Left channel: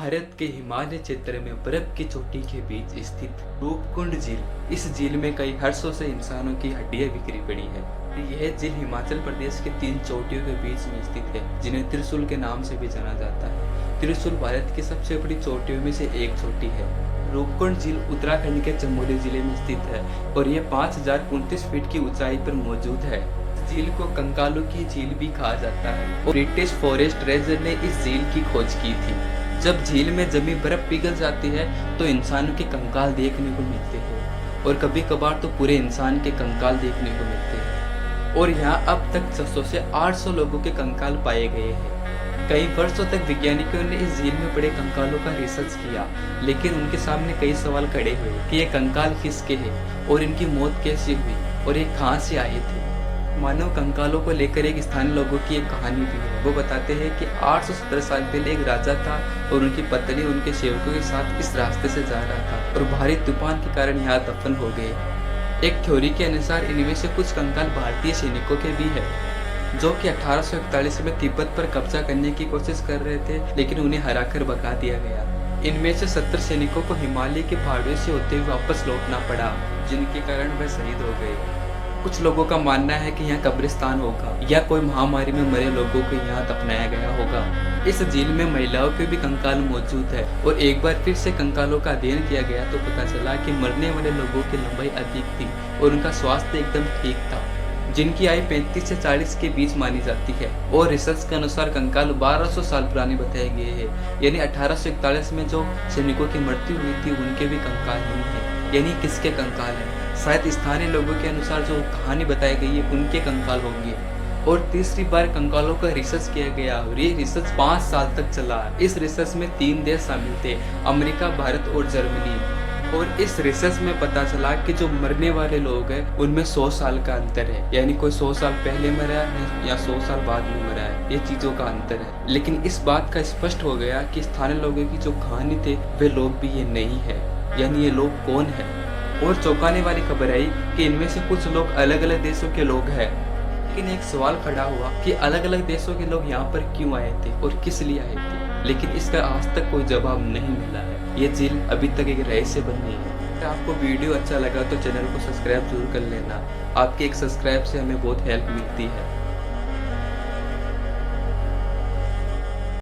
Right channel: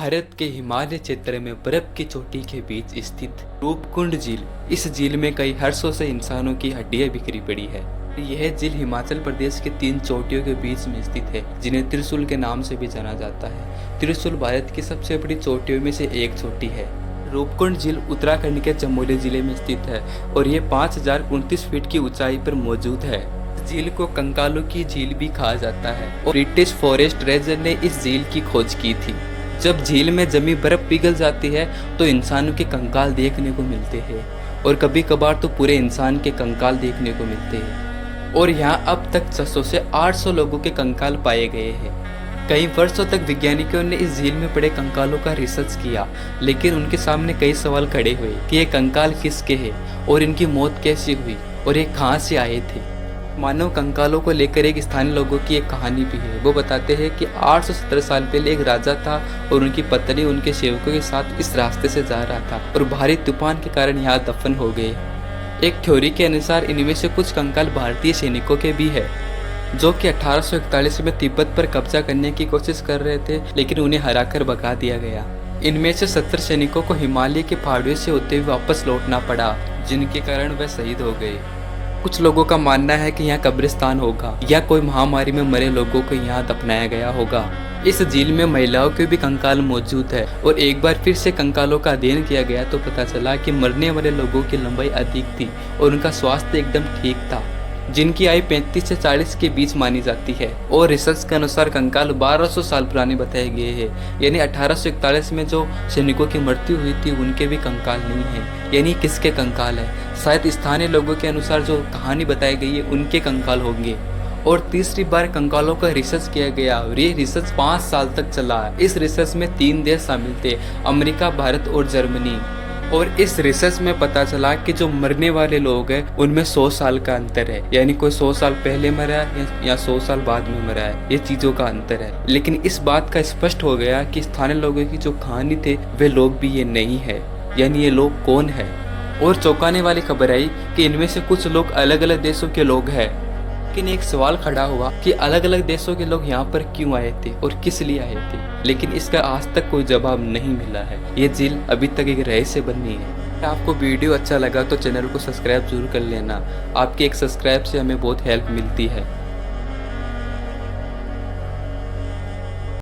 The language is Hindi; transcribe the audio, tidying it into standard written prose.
भारत के हिमालय क्षेत्र में बर्फ की चोटी के बीच स्थित रूपकुंड झील। इस झील में कई हर्षों से इंसानों की हड्डियां बिखरी पड़ी है। यह झील हिमाचल प्रदेश के 3 चोटियों के बीच में स्थित है, जिन्हें त्रिशूल के नाम से भी जाना जाता है। त्रिशूल भारत की सबसे बड़ी चोटियों में से एक चोटी है। रूपकुंड झील उत्तराखंड के चमोली जिले में स्थित है और यह 5029 फीट की ऊंचाई पर मौजूद है। झील को कंकालों की झील भी कहा जाता है और ब्रिटिश फॉरेस्ट रेंजर ने इस झील की खोज की थी। जब झील में जमी बर्फ पिघल जाती है तो इंसानों के कंकाल देखने को मिलते हैं और कभी कभार तो पूरे इंसान के कंकाल देखने को मिलते हैं। और यहाँ अब तक 600 से 800 लोगों के कंकाल पाए गए हैं। कई वर्षों तक वैज्ञानिकों ने इस झील में पड़े कंकालों का रिसर्च किया, लेकिन उनके सामने कई सवाल खड़े हुए कि ये कंकाल किसके हैं और इनकी मौत कैसे हुई और ये कहाँ से आए थे। मानव कंकालों को लेकर एक स्थानीय लोगों की एक कहानी भी है। वो बताते हैं कि 817 साल पहले एक राजा था और उनकी पत्नी उनके सेवकों के साथ इस रास्ते से जा रहा था और भारी तूफान के कारण यहाँ दफन हो गए। एक थ्योरी के अनुसार इनमें से कुछ कंकाल भारतीय सैनिकों के भी है, जो कि 1841 में तिब्बत पर कब्जा करने की कोशिश कर रहे थे, लेकिन उन्हें हराकर भगा दिया गया। इनमें से 70 सैनिकों को हिमालय के पहाड़ियों से होते हुए वापस लौटना पड़ा, जिनके कारण वह शहीद हो गए। कुछ लोगों का मानना है कि यहाँ कब्रिस्तान होगा या कोई महामारी में मरे लोगों को यहाँ दफनाया गया होगा। इस झील में महिलाओं के भी कंकाल मौजूद है और एक बार फिर से कंकालों का अध्ययन किया गया तो पता चला कि मरने वाले लोगों की लंबाई अधिक थी और उनका स्वास्थ्य एकदम ठीक था, जिनकी आयु 35 से 40 के बीच मानी जाती है। और रिसर्च के अनुसार कंकाल 1200 साल पुराने बताए गए हैं, यानी 1841 में जो सैनिकों की मृत्यु हुई थी उनके भी कंकाल नहीं है। यानी किसके कंकाल है? शायद स्थानीय लोगों के अनुसार जो कहानी बताई गई है उनके कंकाल होंगे। और तीसरी बार कंकालों का रिसर्च किया गया और ये रिसर्च 5 साल तक चला। इस रिसर्च में 3 देश शामिल थे, अमेरिका, भारत और जर्मनी। और इस रिसर्च में पता चला कि जो मरने वाले लोग हैं उनमें 100 साल का अंतर है, यानी कोई 100 साल पहले मरा है या 100 साल बाद में मरा है, ये चीजों का अंतर है। लेकिन इस बात का स्पष्ट हो गया कि स्थानीय लोगों की जो कहानी थे वे लोग भी ये नहीं है, यानी ये लोग कौन है। और चौंकाने वाली खबर आई कि इनमें से कुछ लोग अलग अलग देशों के लोग हैं। लेकिन एक सवाल खड़ा हुआ कि अलग अलग देशों के लोग यहाँ पर क्यों आए थे और किस लिए आए थे, लेकिन इसका आज तक कोई जवाब नहीं मिला है। ये झील अभी तक एक रहस्य बनी है। अगर आपको वीडियो अच्छा लगा तो चैनल को सब्सक्राइब जरूर कर लेना। आपके एक सब्सक्राइब से हमें बहुत हेल्प मिलती है।